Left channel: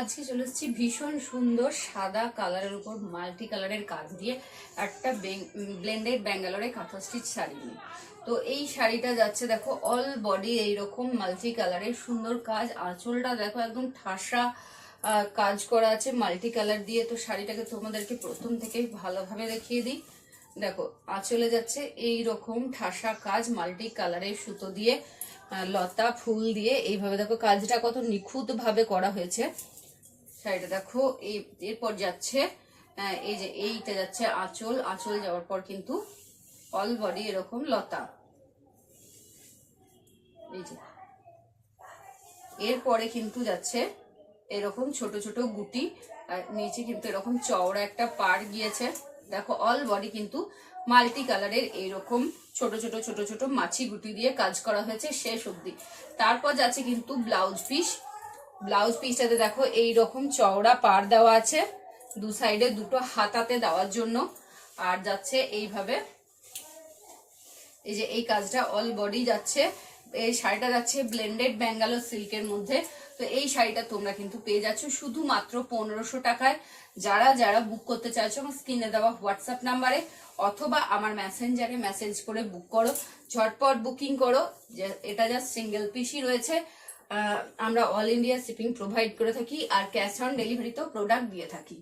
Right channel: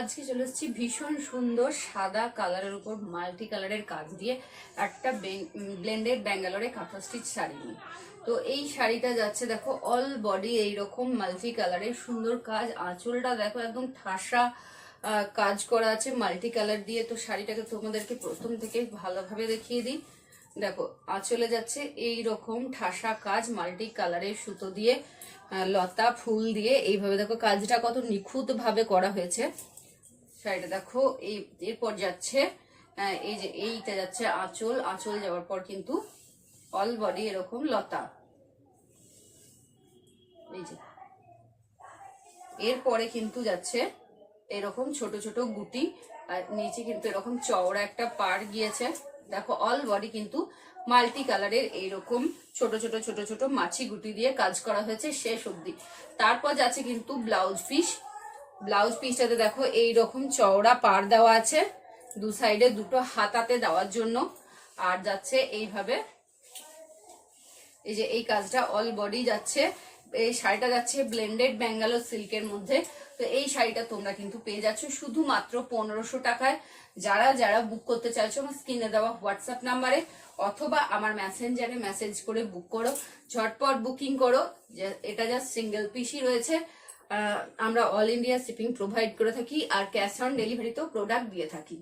আজকে চলে এসেছি ভীষণ সুন্দর সাদা কালারের উপর মাল্টি কালারের কাজ দিয়ে একটা ব্লেন্ডেড ব্যাঙ্গালোরে কাঁথা স্টিচ শাড়ি নিয়ে। তো এই শাড়িটা যাচ্ছে দেখো অল বডি এইরকম মাল্টি কালারের সুন্দর কাজ। আঁচলটা দেখো একদম ঠাসা কাজ করা আছে মাল্টি কালার দিয়ে। তো শাড়িটাকে তোমাদেরকে প্রথম থেকে ভালোভাবে দেখিয়ে দিই। দেখো আঁচলে যাচ্ছে এই রকম ঠাসা কাজ মাল্টি কালারের সুতো দিয়ে, লতা ফুল দিয়ে এইভাবে দেখো কাজটা কত নিখুঁত ভাবে করা হয়েছে। শাড়িটা দেখো এরপর যাচ্ছে এই যে এইটা যাচ্ছে আঁচল, আঁচল যাওয়ার পর কিন্তু অল বডি এরকম লতা। এই যে এরপরে কিন্তু যাচ্ছে এরকম ছোট ছোট গুটি, আর নিচে কিন্তু এরকম চওড়া একটা পাড় গিয়েছে। দেখো অল বডি কিন্তু মাল্টি কালারের এইরকম ছোট ছোট ছোট ছোট মাছি গুটি দিয়ে কাজ করা হয়েছে শেষ অব্দি। তারপর যাচ্ছে কিন্তু ব্লাউজ পিস। ব্লাউজ পিসটাতে দেখো এইরকম চওড়া পাড় দেওয়া আছে, দু সাইডে দুটো হাতাতে দেওয়ার জন্য। আর যাচ্ছে এইভাবে, এই যে এই কাজটা অল বডি যাচ্ছে। এই শাড়িটা যাচ্ছে ব্লেন্ডেড ব্যাঙ্গালোর সিল্কের মধ্যে। তো এই শাড়িটা তোমরা কিন্তু পেয়ে যাচ্ছ শুধুমাত্র 1500 টাকায়। যারা যারা বুক করতে চাইছো আমার স্ক্রিনে দেওয়া হোয়াটসঅ্যাপ নাম্বারে অথবা আমার মেসেঞ্জারে মেসেজ করে বুক করো, ঝটপট বুকিং করো। এটা জাস্ট সিঙ্গেল পিসই রয়েছে। আমরা অল ইন্ডিয়া শিপিং প্রোভাইড করে থাকি আর ক্যাশ অন ডেলিভারিতেও প্রোডাক্ট দিয়ে থাকি।